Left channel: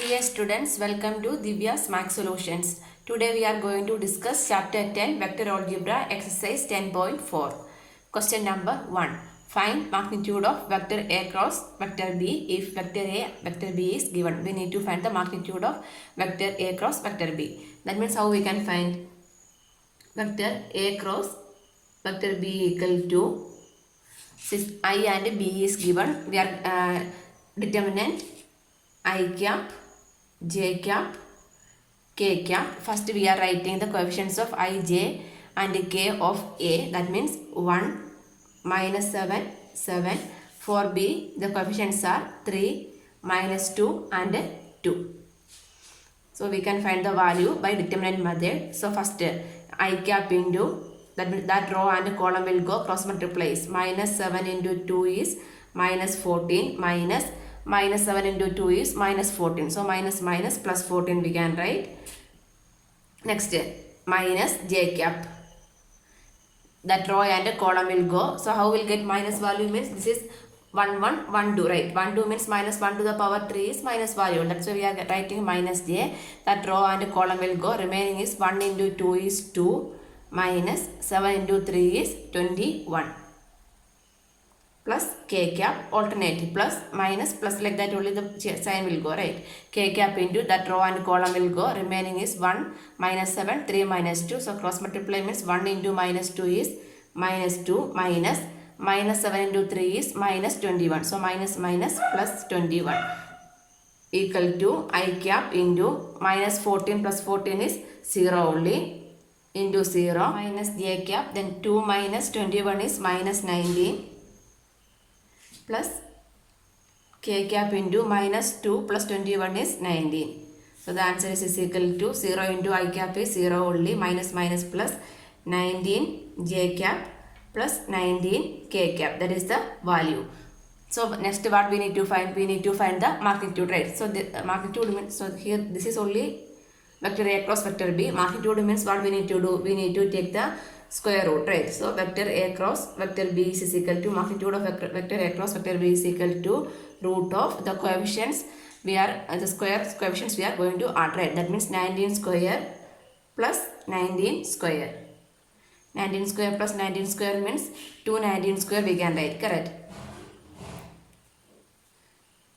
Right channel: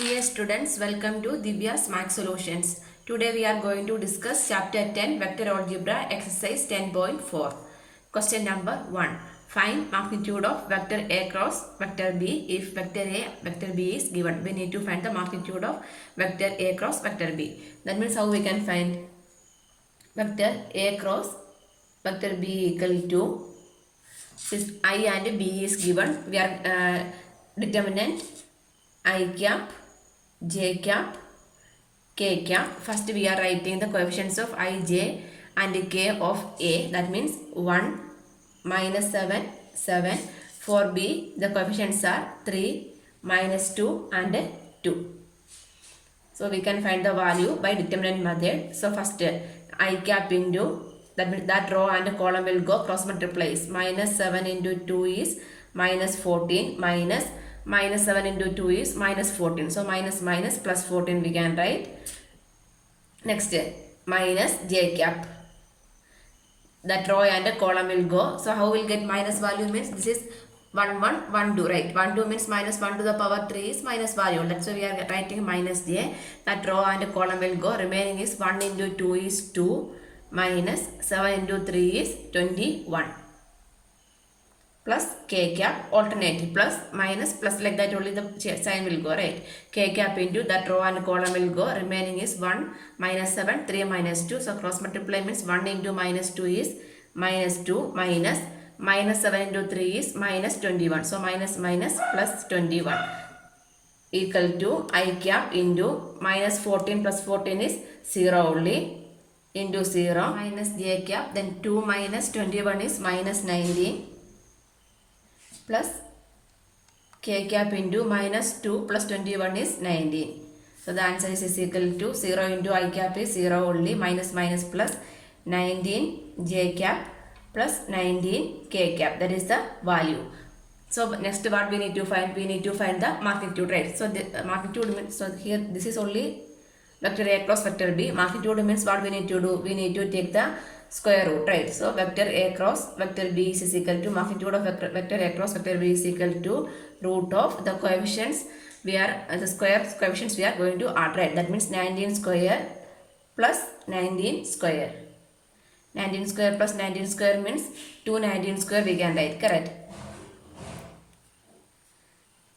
Dear students, welcome to Divya's Math Solutions. Today we are going to discuss Chapter 10 Vector Algebra Exercise 10.4. Question number 1. Find magnitude of vector A cross vector B if vector A, vector B is given. We need to find the magnitude of vector A cross vector B. That means how we can find vector A cross vector B equal to, since I and B is given, we are determinant I cap, j cap, k cap. First we are writing the coefficients of I, j and k of A. That means 1, minus 7, 7. For B, the coefficients are 3, minus 2 and 2. So we can find the value by determinant method. So first I cap into, that means that row and column will go cross multiplies. Minus 7 into 2 is minus 14, minus 7 into 2 is minus 14. So minus plus 14 we can write. Next, minus j cap. That row and column will go. So how will get minus value means this is 1, 1, 1, 2, right? 1, 2 means minus 1 to the power 3 is minus value. That's why we are writing minus j. That row and column will go. Remaining is 1 into 2 is 2, minus 7 into 3 is 21. Plus k cap, alternative, plus minus plus, like that only the sign will go, right? K cap into that row and column will go. Remaining is 1, minus 7, 3 minus 2. So cross multiply means 1 into minus 2 is minus 2, minus 7 into 3 is minus 21. So minus plus 21 equal to I cap into minus 14 plus 14 is 0 only, into 0, minus j cap, then 2 minus 21 is minus 19, plus k cap into minus 2 plus 21 is 19. So the answer is equal to 0 into I cap is 0 only, minus plus 19 j cap plus 19 k cap. That is the value. So next what we need to find? We need to find the magnitude, right? So the magnitude means, so here this is only vector A cross vector B. Magnitude means what we need to do? We need to take the square root, right? So vector A cross vector B is equal to magnitude of vector A cross vector B is equal to root of the coefficients we are the square coefficients we are going to add, right? That means 19 square plus 19 square. 19 square plus 19 square means 219 square we can write, correct?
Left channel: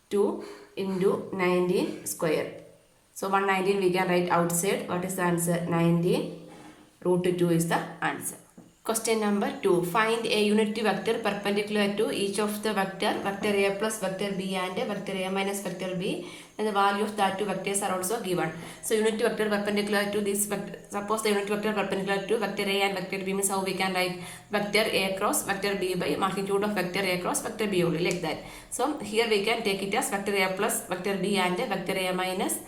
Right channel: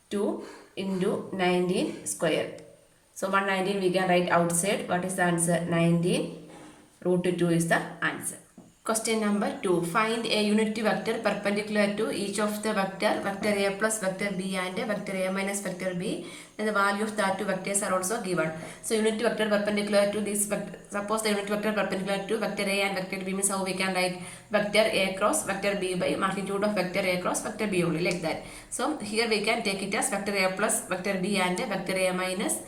2 into 19 square. So 119 we can write outside. What is the answer? 19. Root 2 is the answer. Question number 2. Find a unity vector perpendicular to each of the vector A plus vector B and vector A minus vector B, and the value of that two vectors are also given. So unity vector perpendicular to this vector. Suppose the unity vector perpendicular to vector A and vector B means how we can write vector A cross vector B by magnitude of vector A cross vector B only, like that. So here we can take it as vector A plus vector B and vector A minus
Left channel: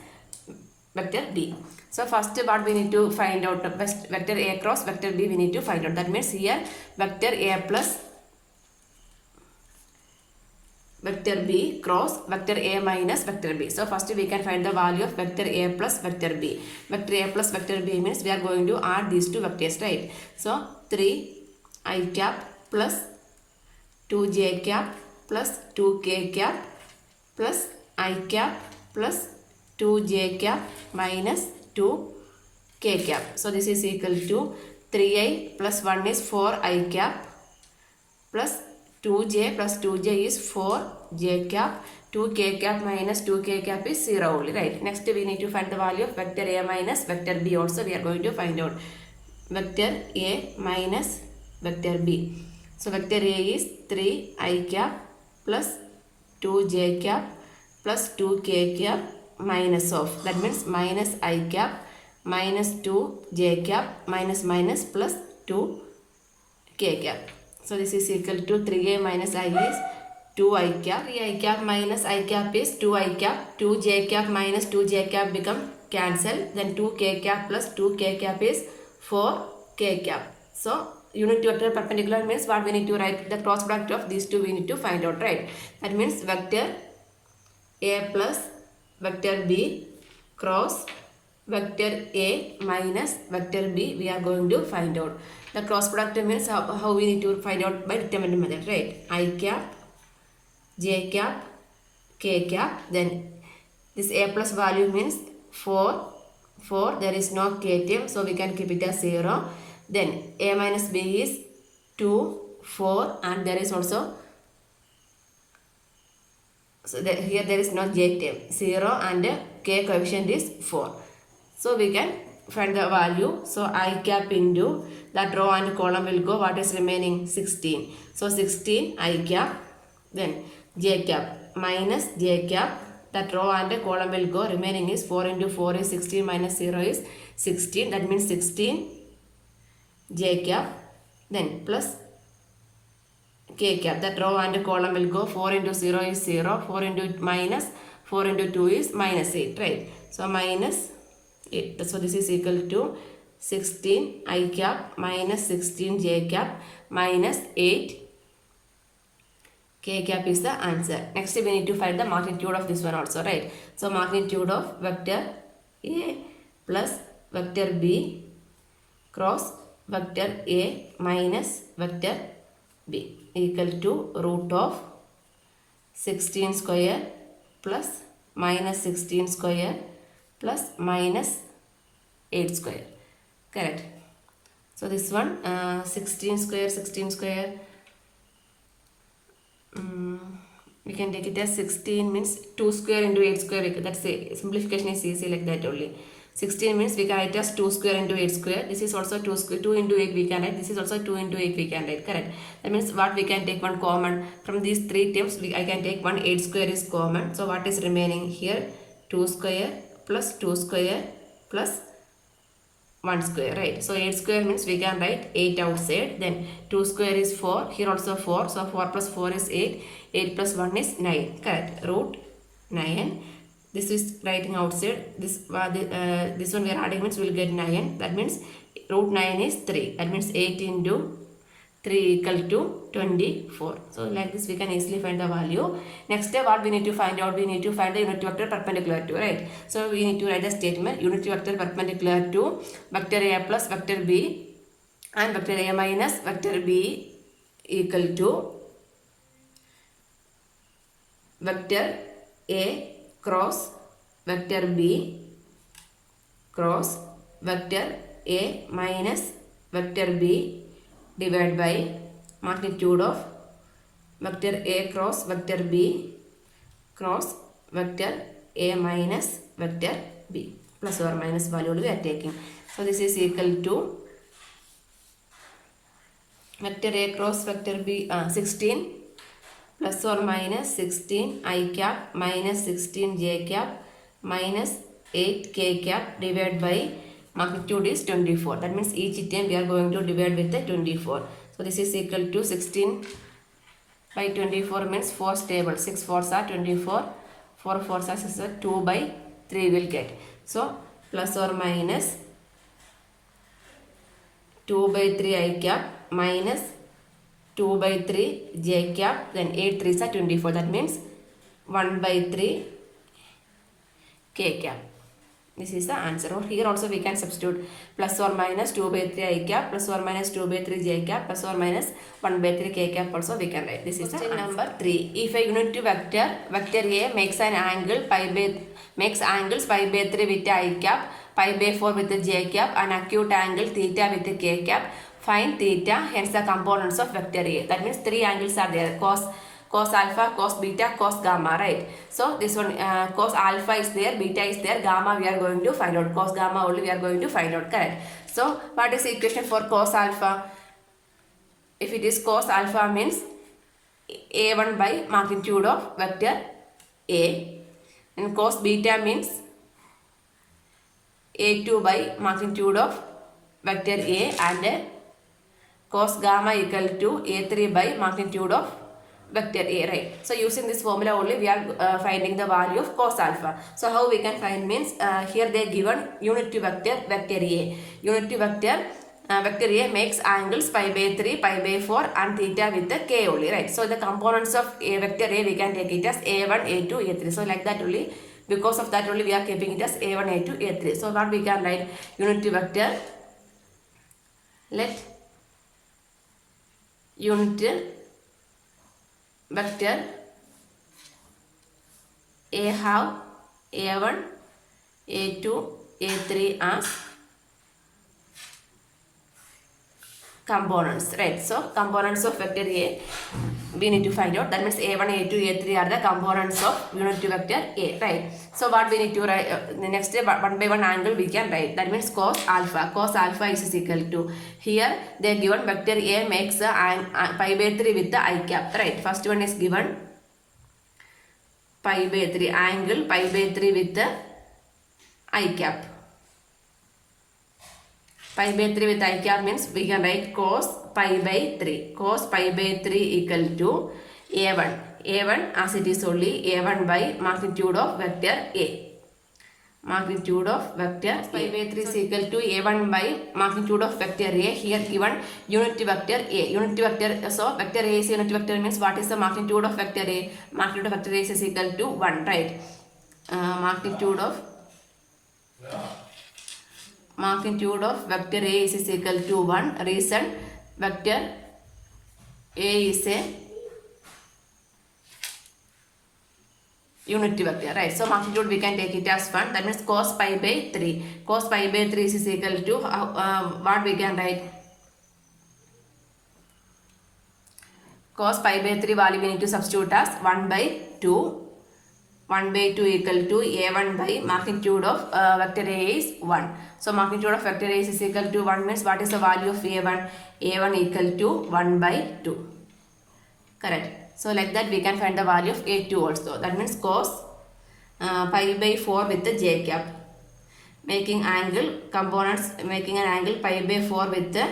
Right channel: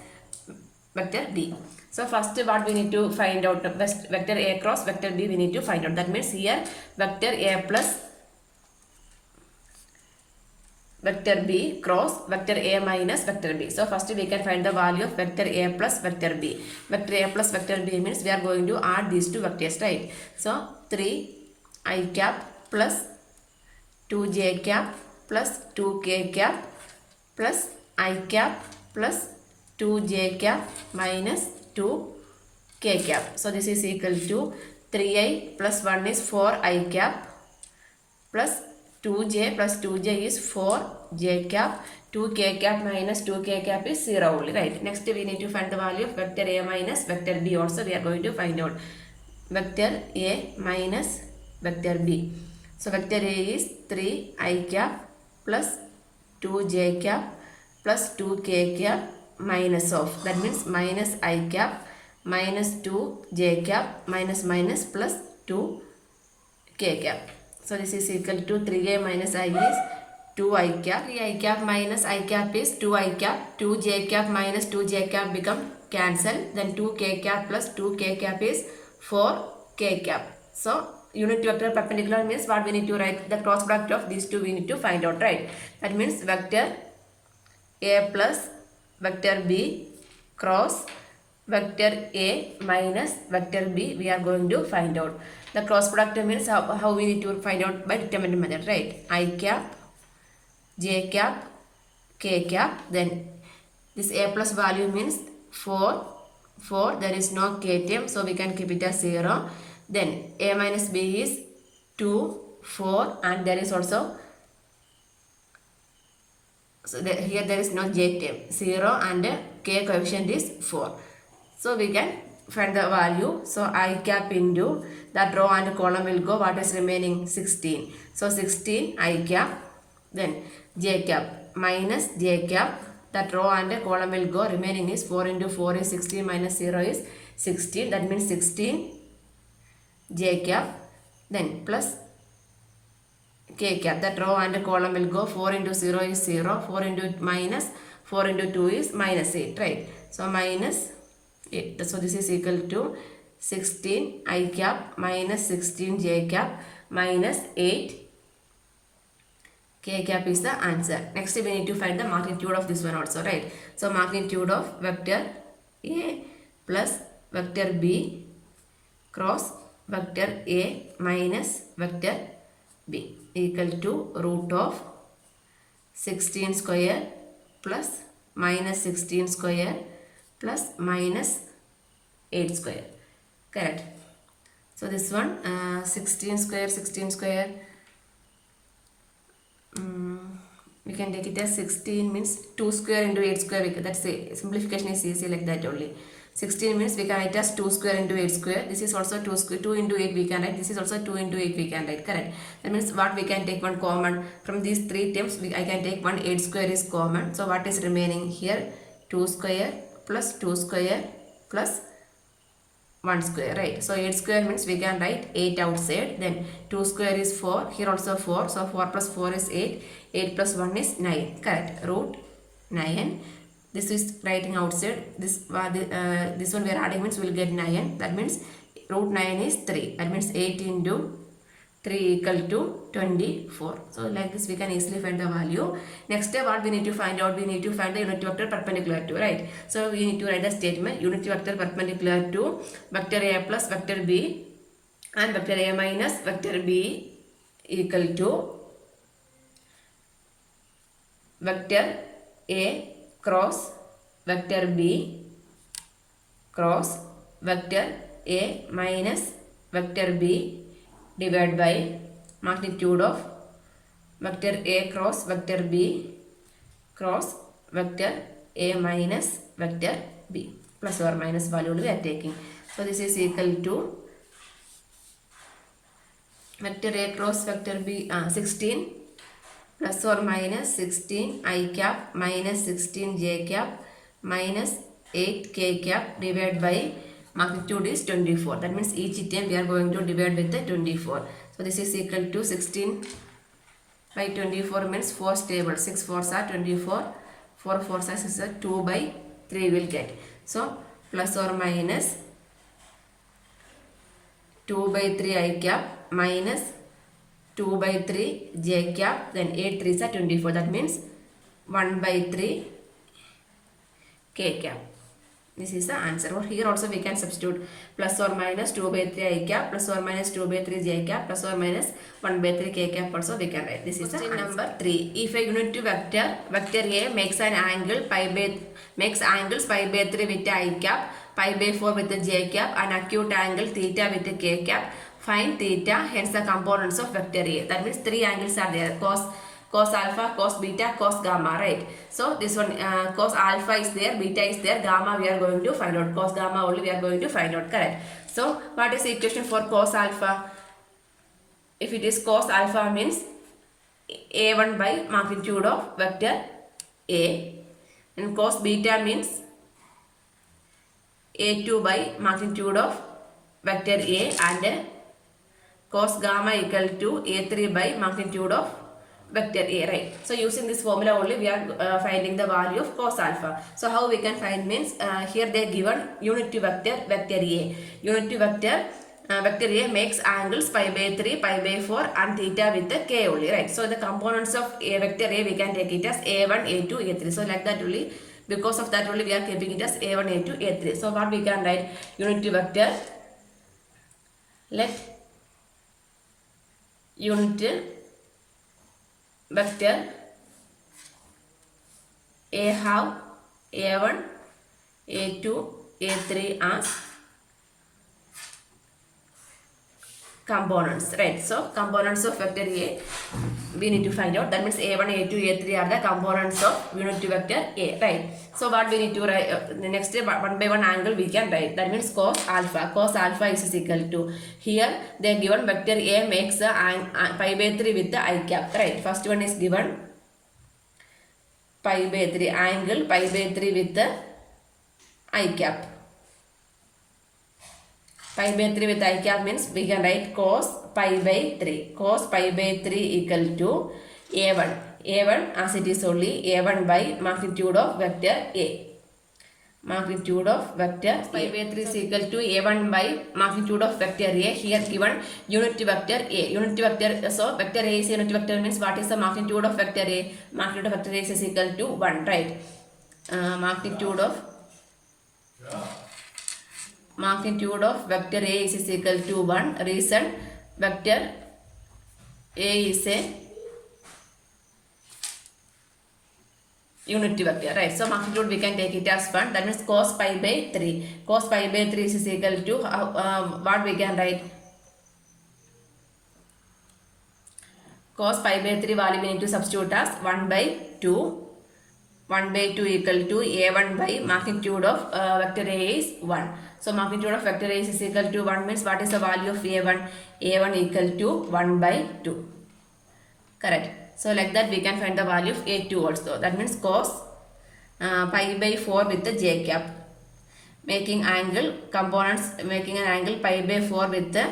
vector B. So first what we need to find out, vector A cross vector B we need to find out. That means here vector A plus vector B cross vector A minus vector B. So first we can find the value of vector A plus vector B. Vector A plus vector B means we are going to add these two vectors, right? So 3 I cap plus 2 j cap plus 2 k cap plus I cap plus 2 j cap minus 2 k cap. So this is equal to 3i plus 1 is 4i cap plus 2j plus 2j is 4j cap, 2k cap minus 2k cap is 0 only, right? Next we need to find the value of vector A minus vector B also we are going to find out. Vector A minus vector B. So vector A is 3i cap plus 2j cap plus 2k cap minus of, that means minus I cap minus 2 j cap minus plus 2 k cap. So this is equal to 3a minus I is 2 I cap. 3 I cap minus I cap is 2 I cap. 2 j cap minus 2 j cap become cancel. Then 2 k cap plus 2 k cap is 4 k cap. So unity vector perpendicular means what we need to write? The cross product of these two we need to find out, right? That means vector A plus vector B cross vector A minus vector B we are going to find out. The cross product means how we need to find out by determinant method, right? I cap, j cap, k cap, then This a plus value means 4. 4. There is no k term, so we can keep it as 0. Then a minus b is 2, 4, and there is also, so here there is no j term, 0, and k coefficient is 4. So we can find the value. So I cap into that row and column will go. What is remaining? 16. So 16 I cap, then j cap minus j cap. That row and column will go. Remaining is 4 into 4 is 16 minus 0 is 16. That means 16 j cap, then plus k cap. That row and column will go. 4 into 0 is 0. 4 into minus 4 into 2 is minus 8, right? So minus 8. So this is equal to 16 I cap minus 16 j cap minus 8 k cap is the answer. Next we need to find the magnitude of this one also, right? So magnitude of vector A plus vector B cross vector A minus vector B equal to root of 16 square plus minus 16 square plus minus 8 square. Correct. So this one 16 square we can take it as 16 means 2 square into 8 square. That's a simplification is easy like that only. 16 means we can write as 2 square into 8 square. This is also 2 square, 2 into 8 we can write. This is also 2 into 8 we can write. Correct. That means what we can take one common. From these three terms I can take one 8 square is common. So what is remaining here? 2 square plus 2 square plus 1 square, right? So 8 square means we can write 8 outside. Then 2 square is 4. Here also 4. So 4 plus 4 is 8. 8 plus 1 is 9. Correct. Root 9. This is writing outside. This one we are adding means we will get 9. That means root 9 is 3. That means 8 into 3 equal to 24. So like this we can easily find the value. Next step what we need to find out? We need to find the unit vector perpendicular to, right? So we need to write the statement unit vector perpendicular to vector A plus vector B and vector A minus vector B equal to vector A cross vector B cross vector A minus vector B divided by magnitude of vector A cross vector B cross vector A minus vector B. Plus or minus value we are taking. So this is equal to vector A cross vector B 16 plus or minus 16 I cap minus 16 j cap minus 8 k cap divided by magnitude is 24. That means each term we are going to divide with the 24. So this is equal to 16 by 24 means 4 stable. 6 4s are 24. 4 4s are 6 2 by 3 will get. So plus or minus 2 by 3 I cap minus 2 by 3 j cap, then 8 3s are 24. That means 1 by 3 k cap. This is the answer. Or here also we can substitute plus or minus 2 by 3 I cap plus or minus 2 by 3 j cap plus or minus 1 by 3 k cap also we can write. This is the answer. Number 3. If a unit vector A makes an angle angles pi by 3 with I cap, pi by 4 with the j cap and acute angle theta with the k cap, find theta, hence the components of vector A. That means 3 angles are there. Cos alpha, cos beta, cos gamma, right? So this one cos alpha is there, beta is there, gamma we are going to find out. Cos gamma only we are going to find out, correct? So what is the equation for cos alpha? If it is cos alpha means A1 by magnitude of vector A, and cos beta means A2 by magnitude of vector A, and cos gamma equal to A3 by magnitude of vector A, right? So using this formula only we are finding the value of cos alpha. So how we can find means here they given unity vector A. Unity vector vector A makes angles pi by 3, pi by 4 and theta with the k only, right? So the components of vector A we can take it as A1, A2, A3. So like that only, because of that only we are keeping it as A1, A2, A3. So what we can write? Unity vector, let unit vector A have A1, A2, A3 as components, right? So components of vector A we need to find out. That means A1, A2, A3 are the components of unit vector A, right? So what we need to write, the next step, one by one angle we can write. That means cos alpha. Cos alpha is equal to, here they are given vector A makes pi by 3 with the I cap, right? First one is given pi by 3, angle pi by 3 with the I cap. Pi by 3 with I cap means we can write cos pi by 3. Cos pi by 3 equal to A1. A1 as it is only A1 by magnitude of vector A. Magnitude of vector pi by 3 is equal to A1 by magnitude of vector A. Here given unit vector A. Unit vector, so vector A is unit vector means what is the magnitude of vector A? Magnitude of vector A is equal to 1, right? Magnitude of vector A is equal to 1. Reason vector A is a unity vector, right? So magnitude we can take it as 1. That means cos pi by 3. Cos pi by 3 is equal to what we can write? Cos pi by 3 value we need to substitute as 1 by 2. 1 by 2 equal to A1 by magnitude of vector A is 1. So magnitude of vector A is equal to 1 means what is the value of A1? A1 equal to 1 by 2. Correct. So like that we can find the value of A2 also. That means cos pi by 4 with the J cap. Making angle components, making an angle pi by 4 with the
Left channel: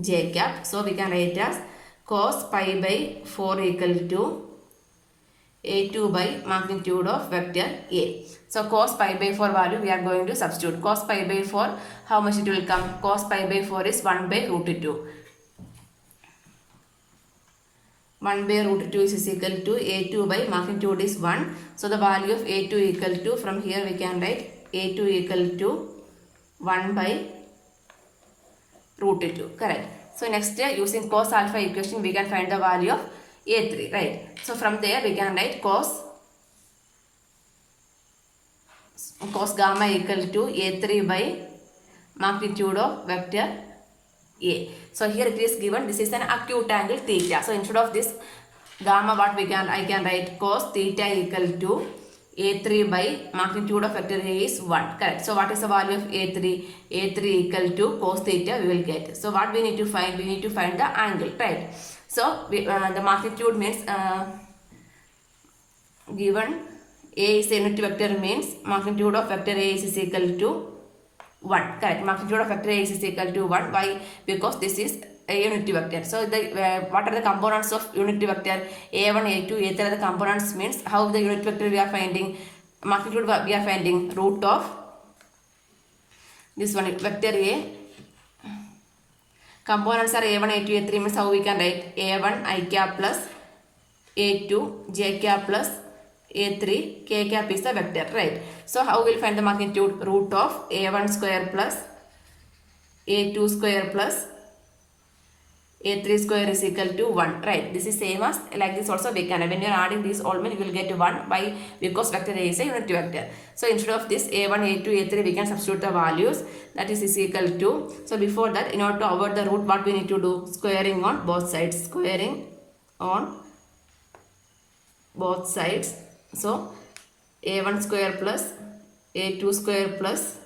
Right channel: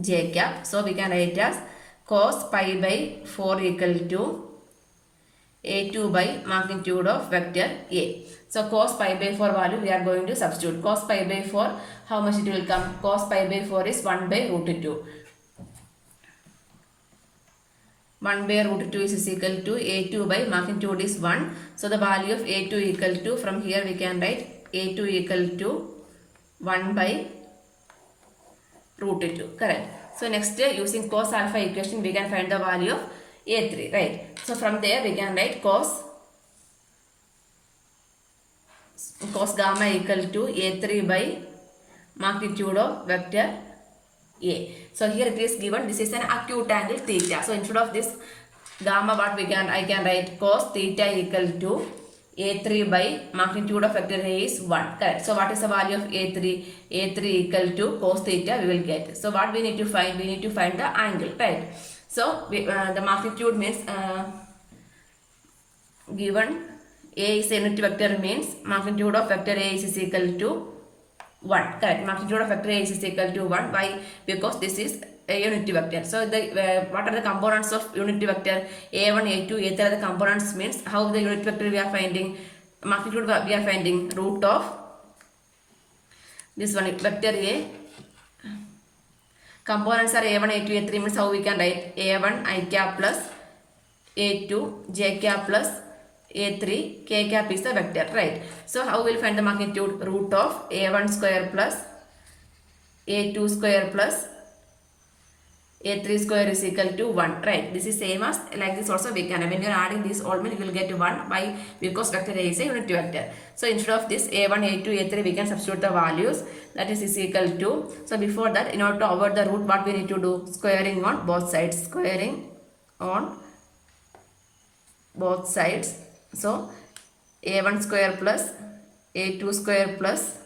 J cap. So we can write as cos pi by 4 equal to A2 by magnitude of vector A. So cos pi by 4 value we are going to substitute. Cos pi by 4, how much it will come? Cos pi by 4 is 1 by root 2. 1 by root 2 is equal to A2 by magnitude is 1. So the value of A2 equal to, from here we can write A2 equal to 1 by root 2. Correct. So next using cos alpha equation we can find the value of A3, right? So from there we can write cos gamma equal to A3 by magnitude of vector A. So here it is given, this is an acute angle theta. So instead of this gamma, what I can write cos theta equal to A3 by magnitude of vector A is 1. Correct. So what is the value of A3? A3 equal to cos theta we will get. So what we need to find? We need to find the angle, right? So the magnitude means given A is a unit vector means magnitude of vector A is equal to 1. Correct. Magnitude of vector A is equal to 1. Why? Because this is a unity vector. So the what are the components of unity vector? A1, A2, A3 are the components means how the unit vector we are finding? Magnitude we are finding root of this one vector A. Components are A1, A2, A3 means how we can write? A1 I cap plus A2 J cap plus A3 K cap is the vector, right? So how we will find the magnitude? Root of A1 square plus A2 square plus A3 square is equal to 1, right? This is same as like this also we can. When you are adding this all, you will get 1. Why? Because vector A is a unit vector. So instead of this A1, A2, A3 we can substitute the values. That is equal to. So before that, in order to avoid the root, what we need to do? Squaring on both sides. Squaring on both sides. So A1 square plus A2 square plus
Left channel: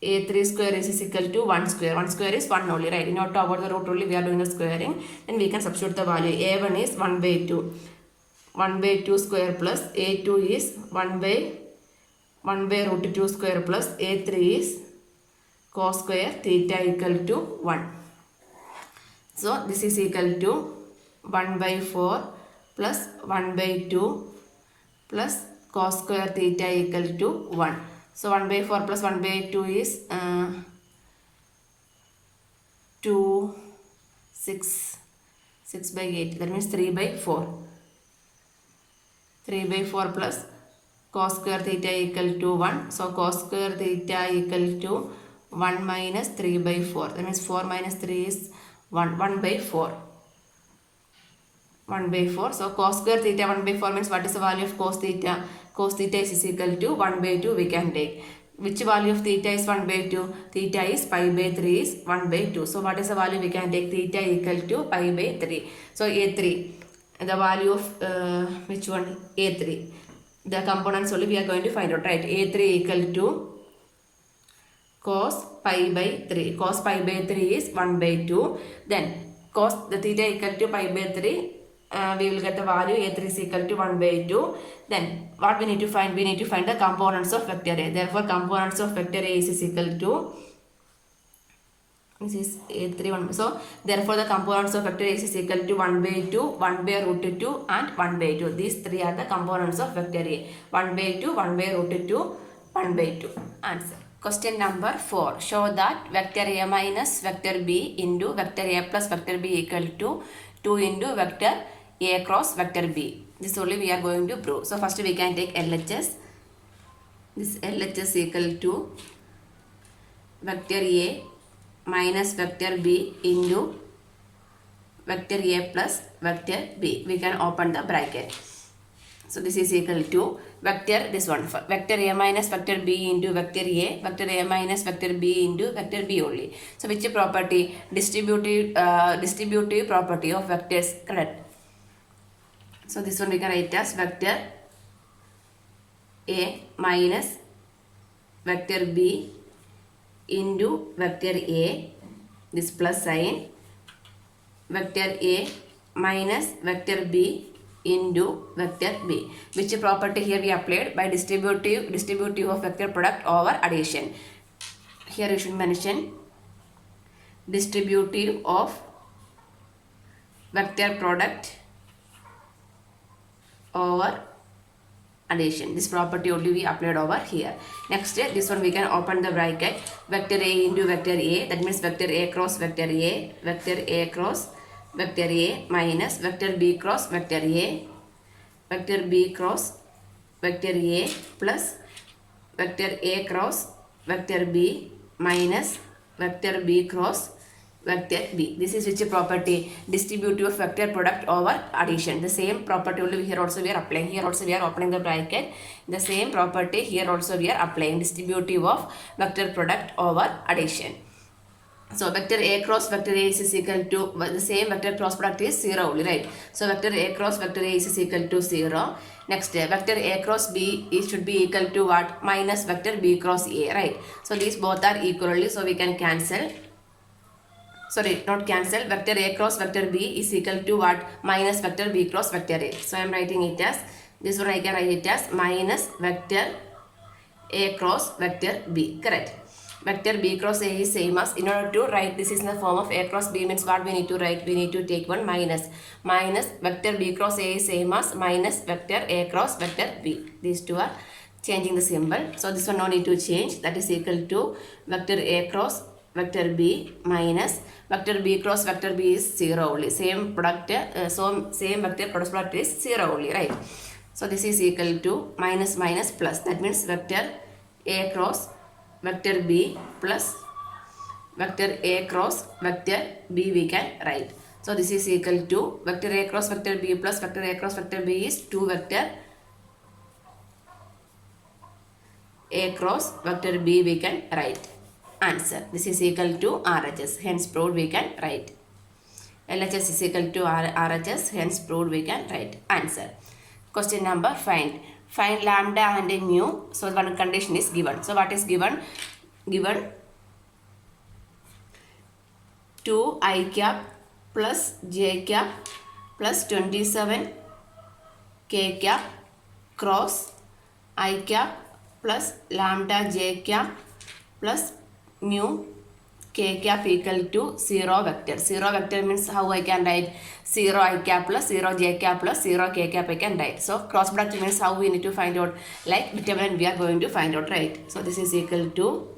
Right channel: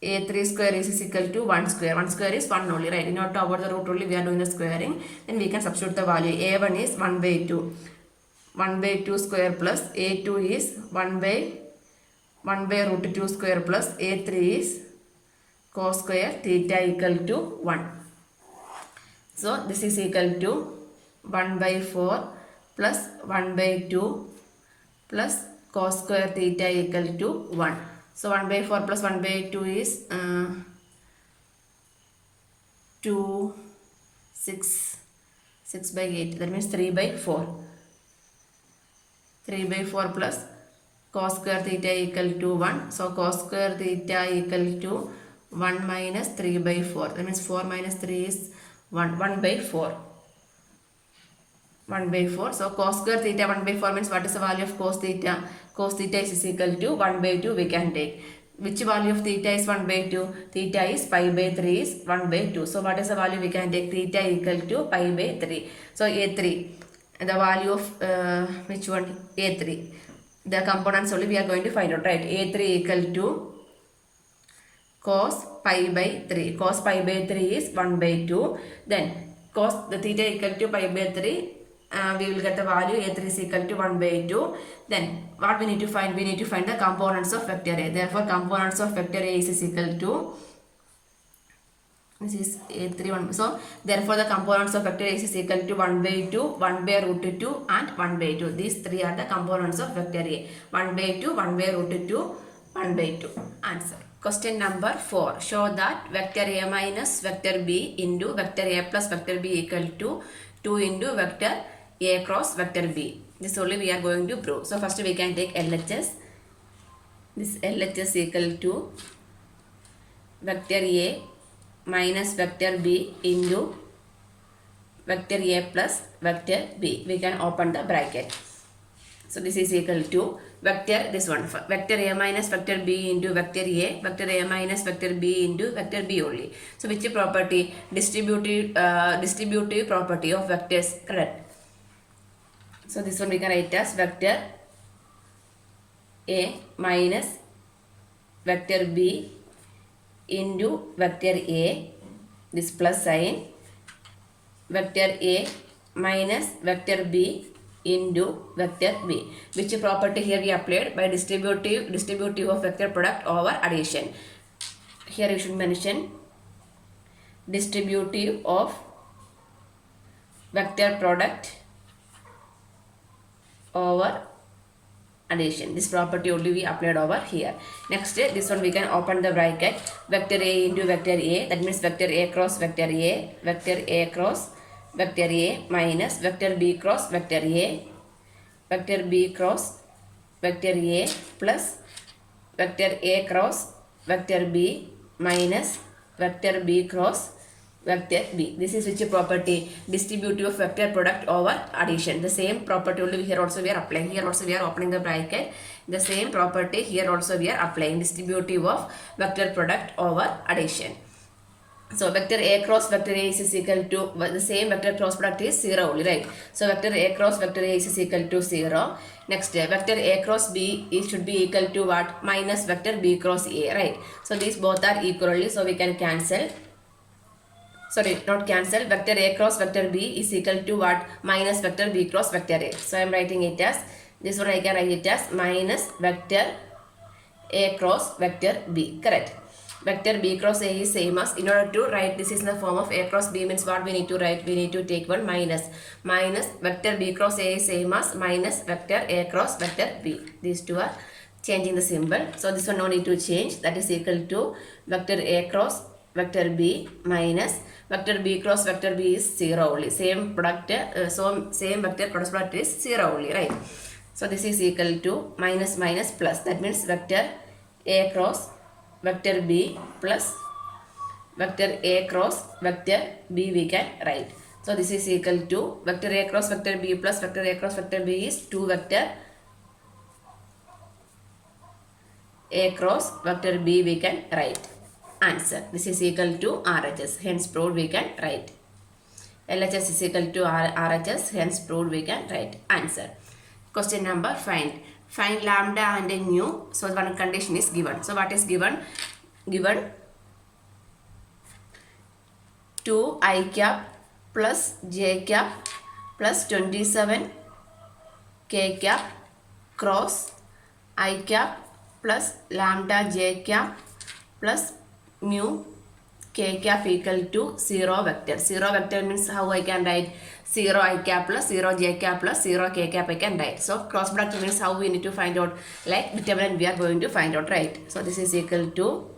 A3 square is equal to 1 square. 1 square is 1 only, right? In order to avoid the root only, we are doing the squaring. Then we can substitute the value. A1 is 1 by 2. 1 by 2 square plus A2 is 1 by root 2 square plus A3 is cos square theta equal to 1. So this is equal to 1 by 4 plus 1 by 2 plus cos square theta equal to 1. So 1 by 4 plus 1 by 2 is 2, 6 by 8. That means 3 by 4. 3 by 4 plus cos square theta equal to 1. So cos square theta equal to 1 minus 3 by 4. That means 4 minus 3 is 1. 1 by 4. 1 by 4. So cos square theta 1 by 4 means what is the value of cos theta? cos theta is equal to 1 by 2 we can take. Which value of theta is 1 by 2? Theta is pi by 3 is 1 by 2. So what is the value we can take? Theta equal to pi by 3. So A3, the value of which one? A3. The components only we are going to find out, right? A3 equal to cos pi by 3. Cos pi by 3 is 1 by 2. Then cos the theta equal to pi by 3. We will get the value A3 is equal to 1 by 2. Then what we need to find? We need to find the components of vector A. Therefore, components of vector A is equal to, this is A3 1. So, therefore, the components of vector A is equal to 1 by 2, 1 by root 2 and 1 by 2. These three are the components of vector A. 1 by 2, 1 by root 2, 1 by 2. Answer. Question number 4. Show that vector A minus vector B into vector A plus vector B equal to 2 into vector A cross vector B. This only we are going to prove. So first we can take LHS. This LHS equal to vector A minus vector B into vector A plus vector B. We can open the bracket. So this is equal to vector, this one, vector A minus vector B into vector A, vector A minus vector B into vector B only. So which property? Distributive property of vectors, correct? So this one we can write as vector A minus vector B into vector A, this plus sign, vector A minus vector B into vector B. Which property here we applied? By distributive of vector product over addition. Here you should mention distributive of vector product over addition. This property only we applied over here. Next, this one we can open the bracket. Vector A into vector A, that means vector A cross vector A, vector A cross vector A minus vector B cross vector A, vector B cross vector A plus vector A cross vector B minus vector B cross vector B. This is which property? Distributive of vector product over addition. The same property only here also we are applying. Here also we are opening the bracket. The same property here also we are applying. Distributive of vector product over addition. So vector A cross vector A is equal to, the same vector cross product is 0 only, right? So vector A cross vector A is equal to 0. Next, vector A cross B should be equal to what? Minus vector B cross A, right? So these both are equally, so we can cancel. Sorry, not cancel. Vector A cross vector B is equal to what? Minus vector B cross vector A. So I am writing it as, this one I can write it as minus vector A cross vector B, correct? Vector B cross A is same as, in order to write this is in the form of A cross B means what we need to write? We need to take one minus. Minus vector B cross A is same as minus vector A cross vector B. These two are changing the symbol. So this one no need to change. That is equal to vector A cross vector B minus vector B cross vector B is 0 only. Same product, so same vector cross product is 0 only, right? So this is equal to minus minus plus. That means vector A cross vector B plus vector A cross vector B we can write. So this is equal to vector A cross vector B plus vector A cross vector B is 2 vector A cross vector B we can write. Answer. This is equal to RHS. Hence proved we can write. LHS is equal to RHS. Hence proved we can write. Answer. Question number 5. Find lambda and mu. So one condition is given. So what is given? Given 2i cap plus j cap plus 27 k cap cross I cap plus lambda j cap plus mu k cap equal to 0 vector. 0 vector means how I can write? 0 I cap plus 0 j cap plus 0 k cap I can write. So cross product means how we need to find out, like determinant we are going to find out, right? So this is equal to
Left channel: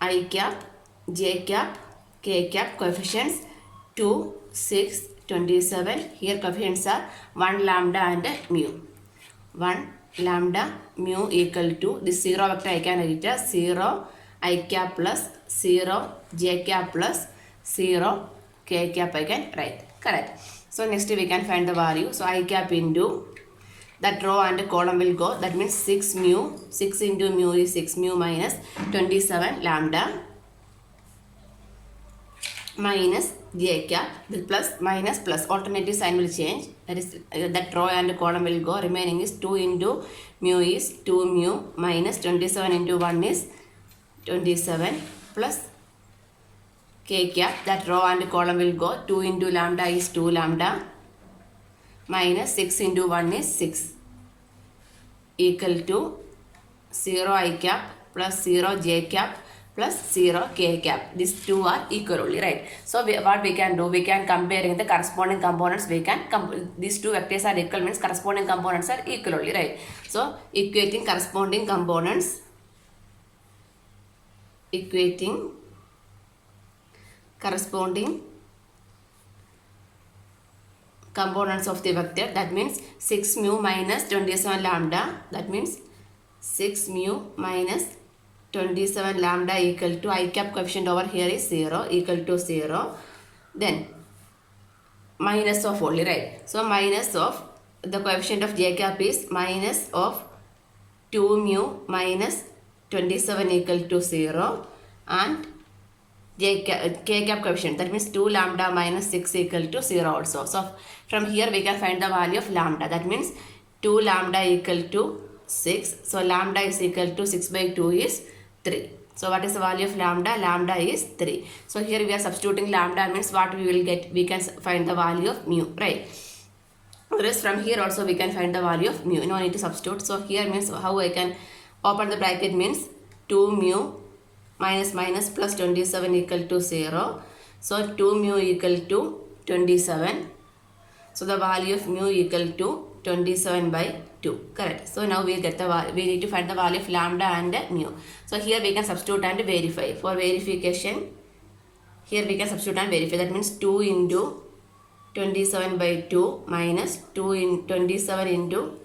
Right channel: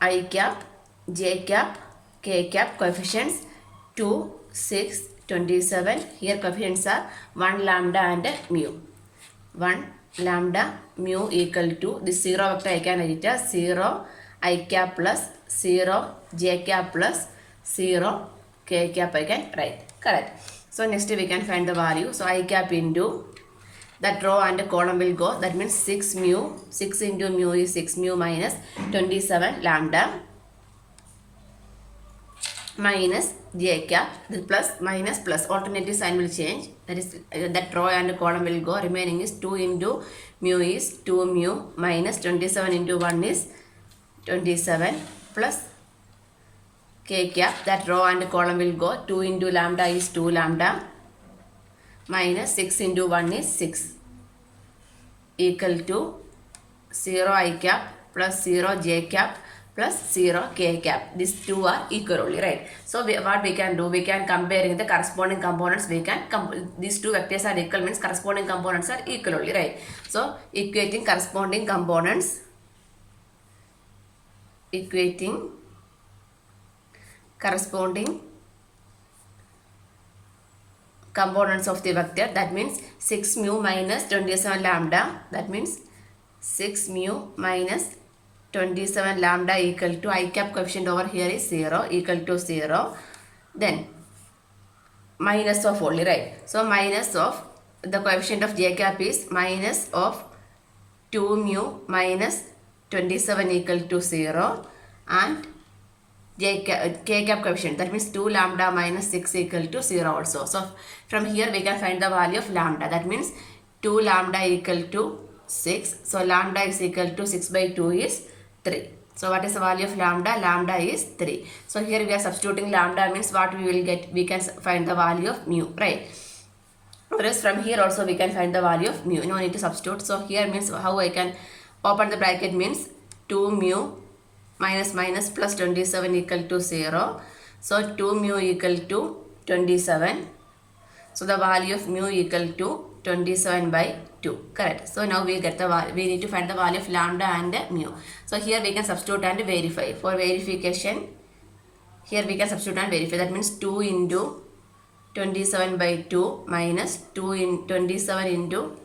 I cap, j cap, k cap coefficients 2, 6, 27. Here coefficients are 1 lambda and mu. 1 lambda mu equal to this 0 vector I can write as 0 I cap plus 0 j cap plus 0 k cap I can write, correct? So next we can find the value. So I cap into that row and column will go. That means 6 mu. 6 into mu is 6 mu minus 27 lambda minus j cap. The plus minus plus alternative sign will change. That is that row and column will go. Remaining is 2 into mu is 2 mu minus 27 into 1 is 27 plus k cap. That row and column will go. 2 into lambda is 2 lambda minus 6 into 1 is 6 equal to 0 I cap plus 0 j cap plus 0 k cap. These two are equal only, right? So what we can do, we can compare the corresponding components. We can these two vectors are equal means corresponding components are equal only, right? So equating corresponding components, equating corresponding components of the vector, that means 6 mu minus 27 lambda, that means 6 mu minus 27 lambda equal to I cap coefficient over here is 0 equal to 0, then minus of only, right? So minus of the coefficient of j cap is minus of 2 mu minus 27 equal to 0 and k cap coefficient, that means 2 lambda minus 6 equal to 0 also. So from here we can find the value of lambda, that means 2 lambda equal to 6. So lambda is equal to 6 by 2 is 3. So what is the value of lambda? Lambda is 3. So here we are substituting lambda means what we will get, we can find the value of mu, right? Whereas from here also we can find the value of mu, no need to substitute. So here means how I can open the bracket means 2 mu minus minus plus 27 equal to 0. So 2 mu equal to 27. So the value of mu equal to 27 by 2, correct? So now we get the we need to find the value of lambda and mu. So here we can substitute and verify. For verification, here we can substitute and verify. That means 2 into 27 by 2 minus 2 in 27 into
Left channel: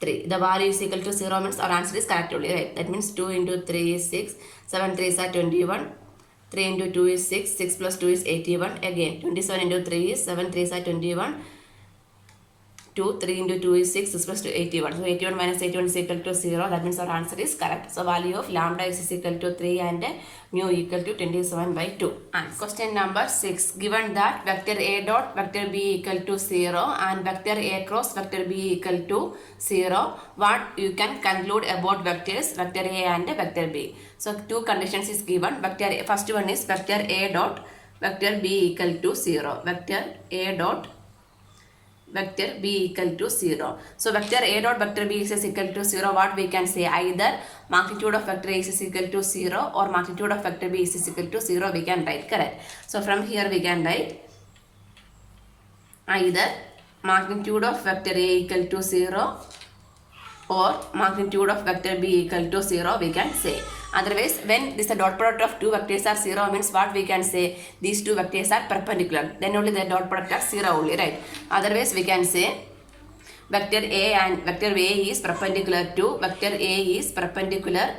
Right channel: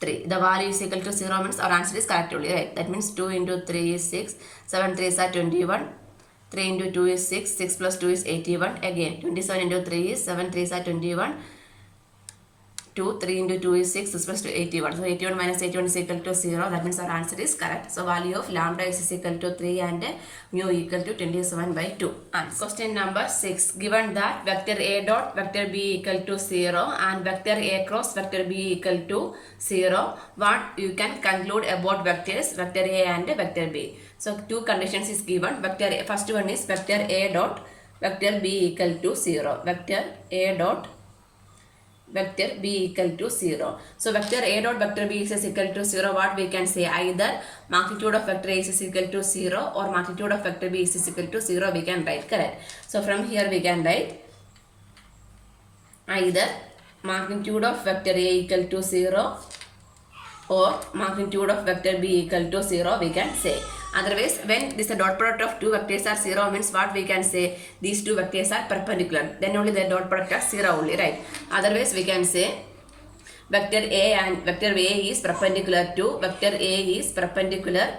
3. The value is equal to 0 means our answer is correct only, right? That means 2 into 3 is 6, 7 3s are 21, 3 into 2 is 6, 6 plus 2 is 81, again 27 into 3 is 7 3s are 21, 2, 3 into 2 is 6, 6 plus 2 81. So 81 minus 81 is equal to 0. That means our answer is correct. So value of lambda is equal to 3 and mu equal to 27 by 2. And question number 6. Given that vector A dot vector B equal to 0 and vector A cross vector B equal to 0, what you can conclude about vectors vector A and vector B? So two conditions is given. Vector A, first one is vector A dot vector B equal to 0. Vector A dot vector B equal to 0. So vector A dot vector B is equal to 0. What we can say? Either magnitude of vector A is equal to 0 or magnitude of vector B is equal to 0. We can write, correct? So from here we can write either magnitude of vector A equal to 0 or magnitude of vector B equal to 0 we can say. Otherwise, when this dot product of two vectors are 0 means what we can say? These two vectors are perpendicular. Then only the dot product are 0 only, right? Otherwise, we can say vector A and vector A is perpendicular to vector A is perpendicular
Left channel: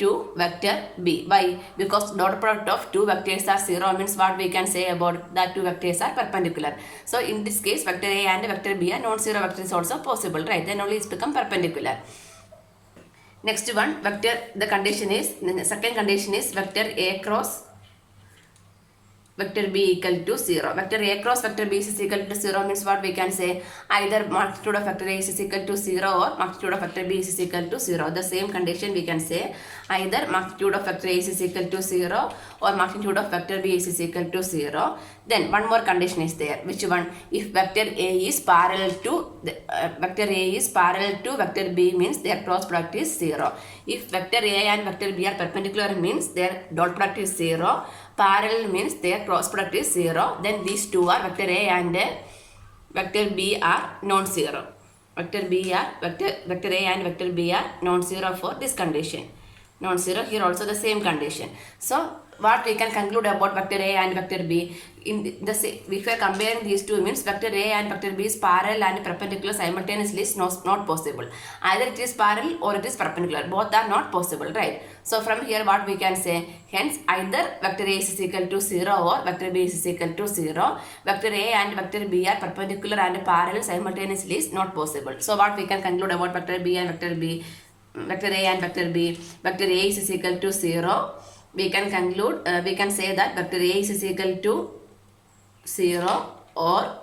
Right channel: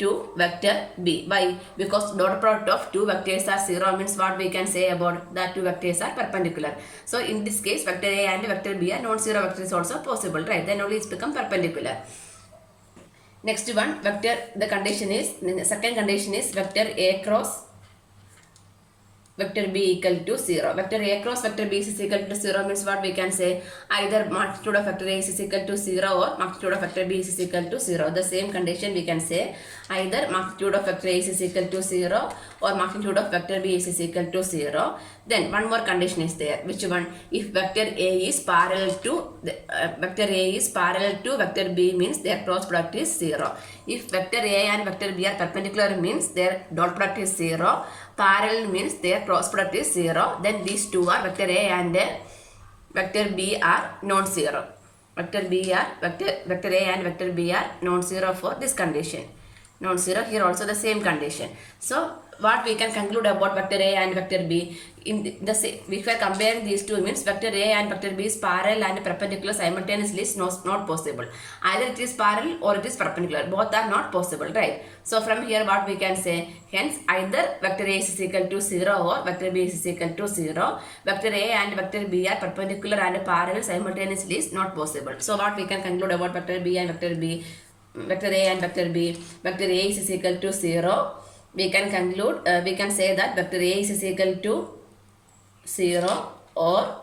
to vector B. Why? Because dot product of two vectors are 0 means what we can say about that two vectors are perpendicular. So in this case, vector A and vector B are non-zero vectors also possible, right? Then only it's become perpendicular. Next one, vector, the condition is, the second condition is vector A cross vector B equal to 0. Vector A cross vector B is equal to 0 means what we can say? Either magnitude of vector A is equal to 0 or magnitude of vector B is equal to 0. The same condition we can say either magnitude of vector A is equal to 0 or magnitude of vector B is equal to 0. Then one more condition is there. Which one? If vector A is parallel to vector A is parallel to vector B means their cross product is 0. If vector A and vector B are perpendicular means their dot product is 0. Parallel means their cross product is 0. Then these two are vector A and vector B are non-zero. Vector A and vector B are non-zero for this condition. non-zero. Here also the same condition. So what we can conclude about vector A and vector B, if we are comparing these two, means vector A and vector B is parallel and perpendicular simultaneously is not possible. Either it is parallel or it is perpendicular. Both are not possible, right? So from here what we can say, hence either vector A is equal to 0 or vector B is equal to 0. Vector A and vector B are perpendicular and parallel simultaneously is not possible. So what we can conclude about vector B and vector B, vector A and vector B, vector A is equal to 0. We can conclude, we can say that vector A is equal to 0 or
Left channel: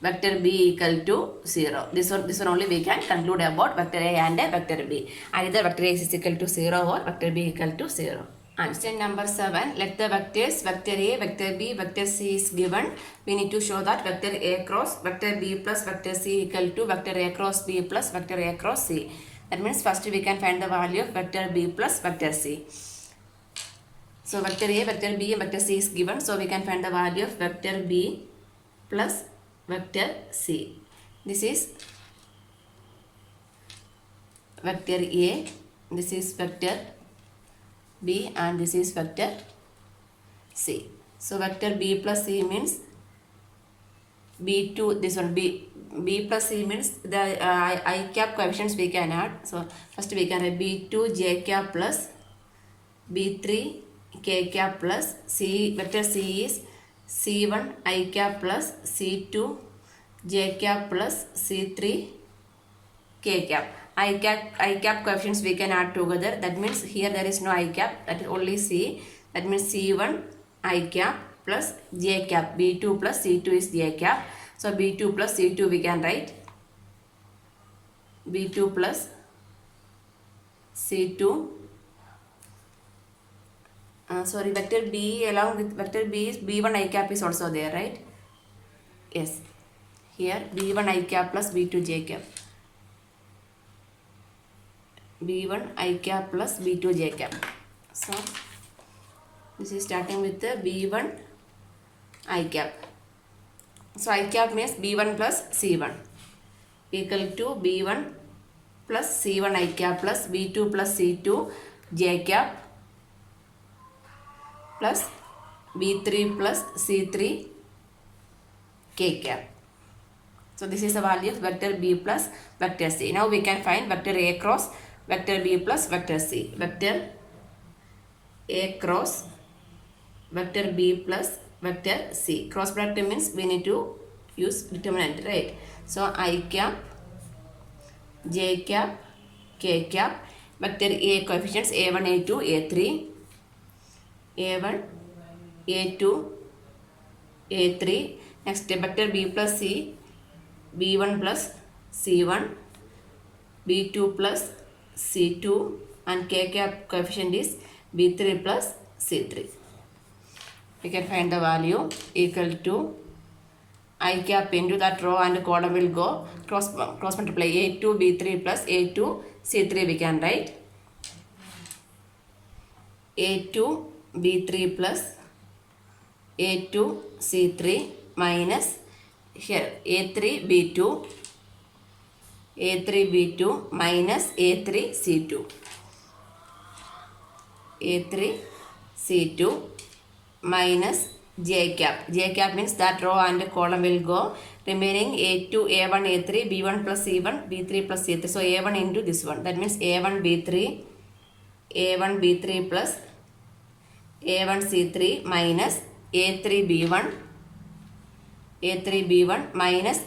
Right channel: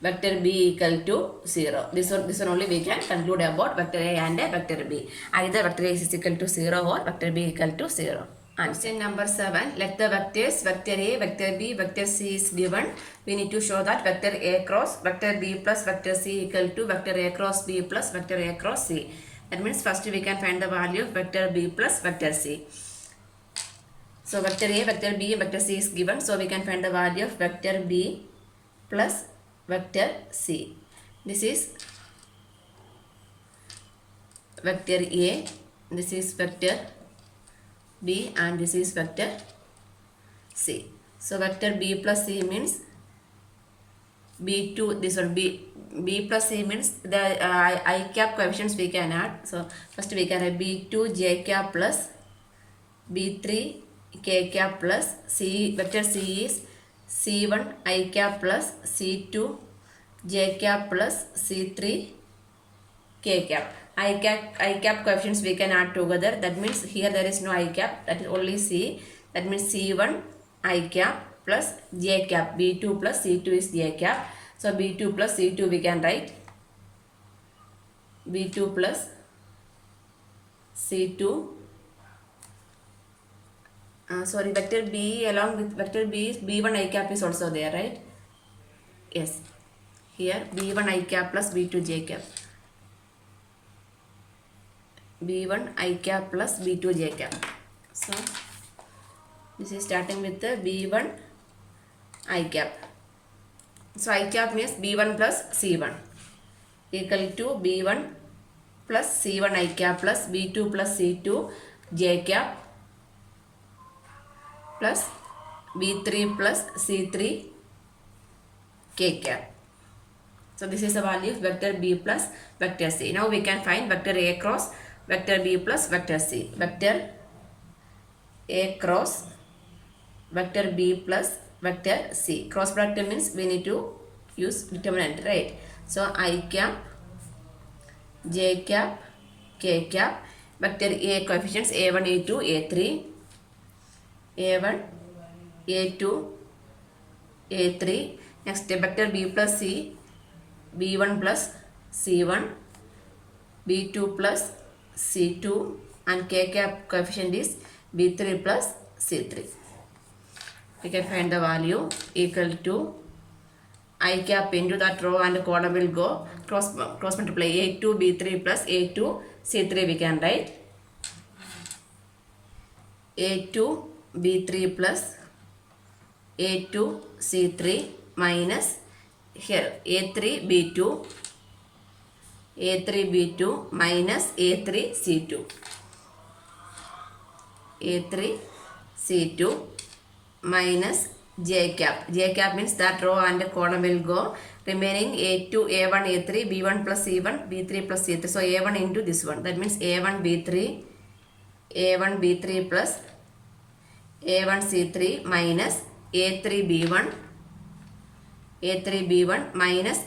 vector B equal to 0. This one only we can conclude about vector A and vector B. Either vector A is equal to 0 or vector B equal to 0. Question number 7. Let the vectors vector A, vector B, vector C is given. We need to show that vector A cross vector B plus vector C equal to vector A cross B plus vector A cross C. That means first we can find the value of vector B plus vector C. So vector A, vector B and vector C is given. So we can find the value of vector B plus vector C. This is vector A, this is vector B and this is vector C. So vector B plus C means B2, this one B plus C means the I cap coefficients we can add. So first we can add B2 J cap plus B3 K cap plus C, vector C is C1 I cap plus C2 J cap plus C3 K cap. I cap coefficients we can add together. That means here there is no I cap, that is only C. That means C1 I cap plus J cap. B2 plus C2 is J cap. So B2 plus C2 we can write B2 plus C2. Vector B along with vector B is B1 I cap is also there, right? Yes. Here B1 I cap plus B2 J cap. B1 I cap plus B2 J cap. So this is starting with the B1 I cap. So I cap means B1 plus C1 equal to B1 plus C1 I cap plus B2 plus C2 J cap plus B3 plus C3 K cap. So this is the value of vector B plus vector C. Now we can find vector A cross vector B plus vector C. Vector A cross vector B plus vector C. Cross product means we need to use determinant, right? So I cap, J cap, K cap. Vector A coefficients A1, A2, A3. A1, A2, A3. Next vector B plus C, B1 plus C1, B2 plus C2 and K cap coefficient is B3 plus C3. We can find the value equal to I cap into that row and column will go cross multiply A2 B3 plus A2 C3 we can write A2 B3 plus A2 C3 minus here A3 B2 minus A3 C2 A3 C2 minus J cap. J cap means that row and column will go. Remaining A2, A1, A3, B1 plus C1, B3 plus C3. So A1 into this one. That means A1 B3 plus A1 C3 minus A3 B1 minus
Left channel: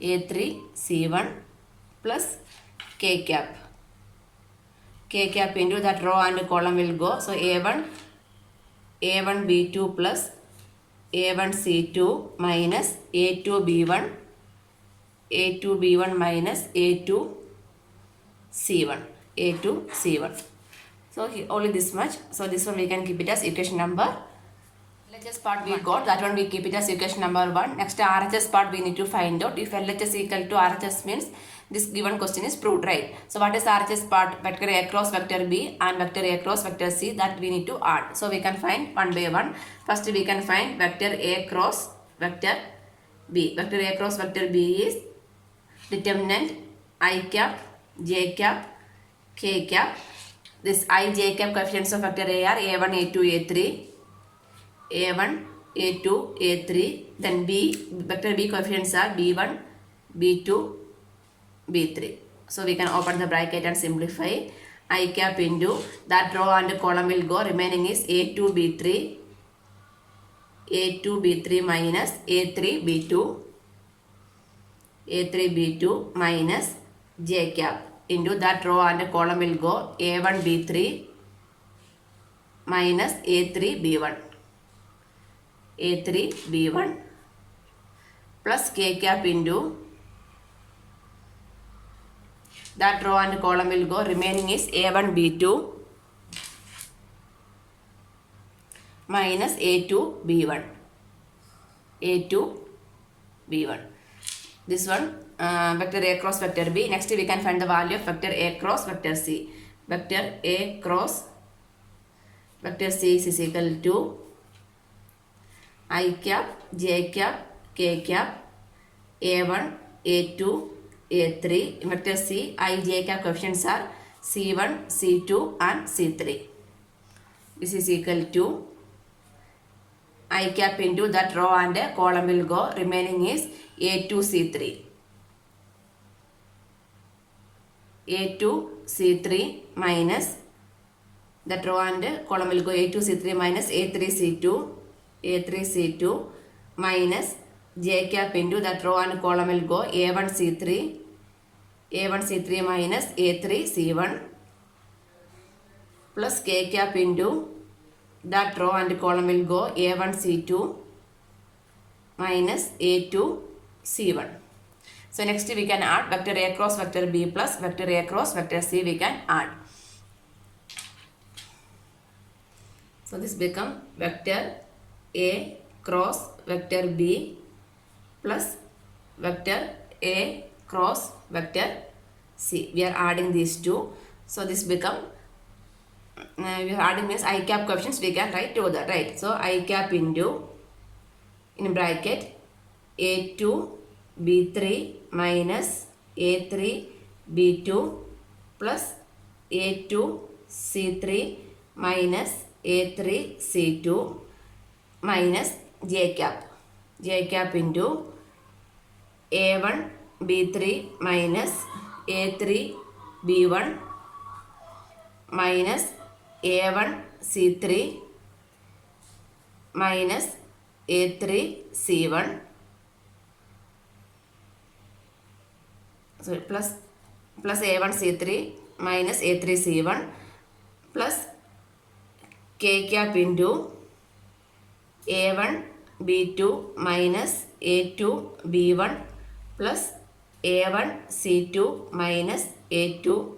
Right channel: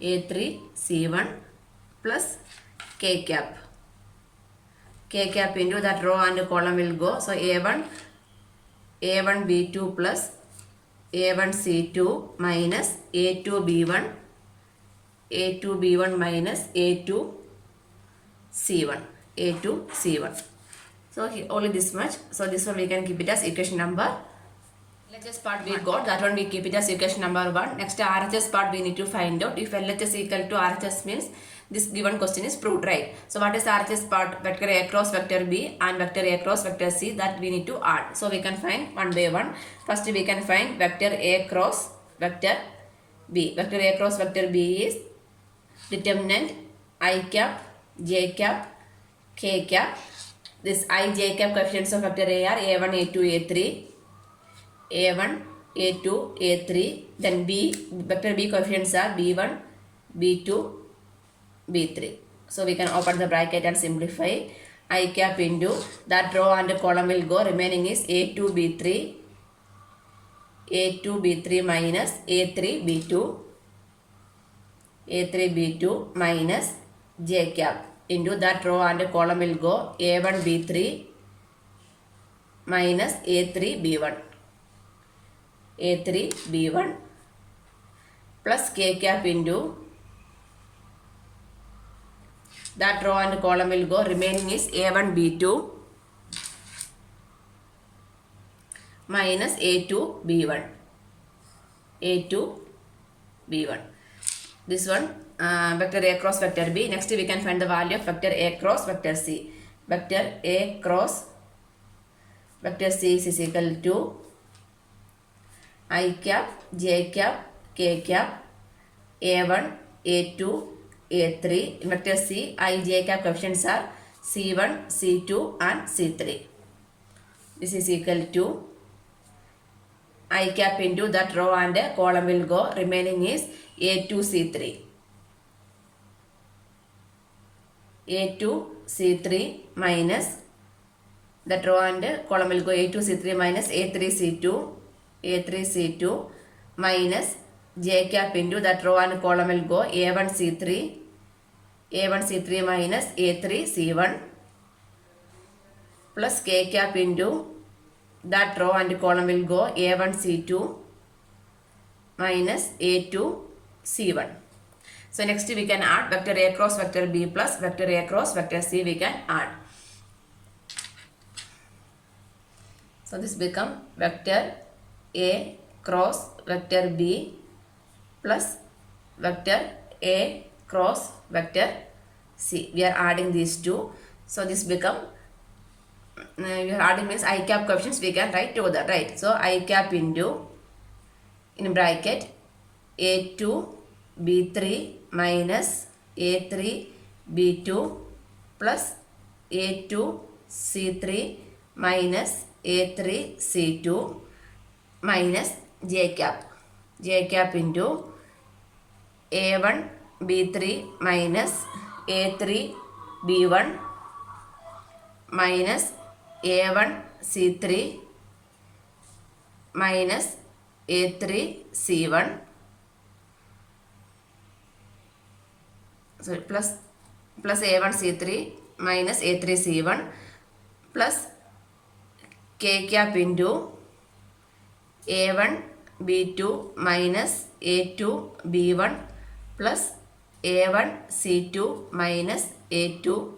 A3 C1 plus K cap. K cap into that row and column will go. So A1 B2 plus A1 C2 minus A2 B1 minus A2 C1. So only this much. So this one we can keep it as equation number. LHS part we got, that one we keep it as equation number 1. Next RHS part we need to find out. If LHS equal to RHS means this given question is proved, right? So what is RHS part? Vector A cross vector B and vector A cross vector C, that we need to add. So we can find one by one. First we can find vector A cross vector B. Vector A cross vector B is determinant I cap, J cap, k cap. This I, j cap coefficients of vector A are A1, A2, A3. A1, A2, A3. Then B, vector B coefficients are B1, B2, B3. So we can open the bracket and simplify. I cap into that row and column will go. Remaining is A2, B3. A2, B3 minus A3, B2. A3, B2 minus J cap into that row and column will go A1, B3 minus A3, B1. A3, B1 plus K cap into that row and column will go. Remaining is A1, B2 minus A2, B1. A2, B1. This one vector A cross vector B. Next we can find the value of vector A cross vector C. Vector A cross vector C is equal to I cap, J cap, K cap, A1, A2, A3. Vector C, I, J cap coefficients are C1, C2 and C3. This is equal to I cap into that row and column will go. Remaining is A2, C3. A2, C3 minus that row and column will go A2, C3 minus A3, C2. A3, C2 minus J cap into that row and column will go A1, C3. A1, C3 minus A3, C1 plus K cap into that row and column will go A1, C2 minus A2, C1. So next we can add vector A cross vector B plus vector A cross vector C we can add. So this become vector A cross vector B plus vector A cross vector C. We are adding these two. So this become we are adding means I cap coefficients we can write together, right? So I cap into in bracket A2 B3 minus A3 B2 plus A2 C3 minus A3 C2 minus J cap into A1 B3 minus A3 B1 minus A1 C3 minus A3 C1 plus A1 C3 minus A3 C1 plus K cap into A1 B2 minus A2 B1 plus A1 C2 minus A2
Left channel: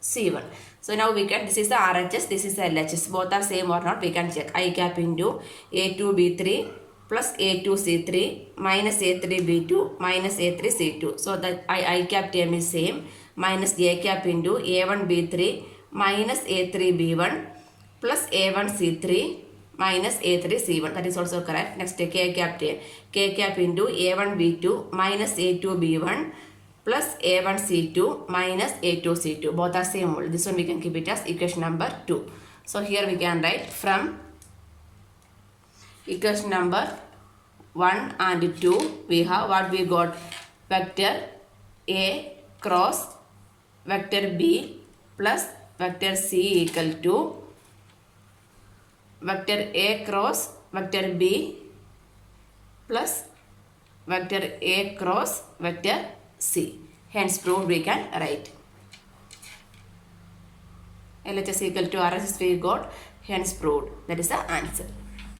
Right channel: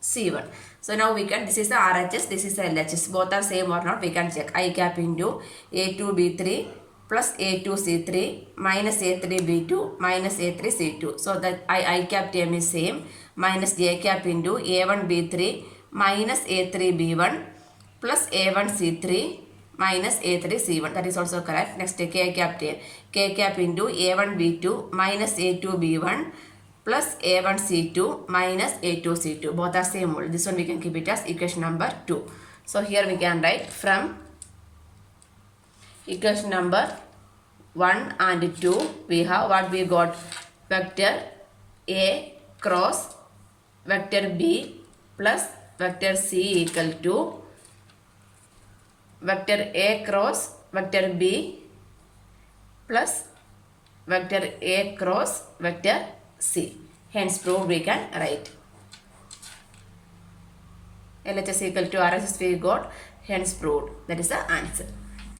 C1. So now we can, this is the RHS, this is the LHS. Both are same or not, we can check. I cap into A2 B3 plus A2 C3 minus A3 B2 minus A3 C2. So that I cap term is same. Minus J cap into A1 B3 minus A3 B1 plus A1 C3 minus A3 C1. That is also correct. Next K cap term. K cap into A1 B2 minus A2 B1 plus A1 C2 minus A2 C2. Both are same rule. This one we can keep it as equation number 2. So here we can write from equation number 1 and 2 we have what we got, vector A cross vector B plus vector C equal to vector A cross vector B plus vector A cross vector C. Hence proved we can write. LHS equal to RHS we got, hence proved. That is the answer.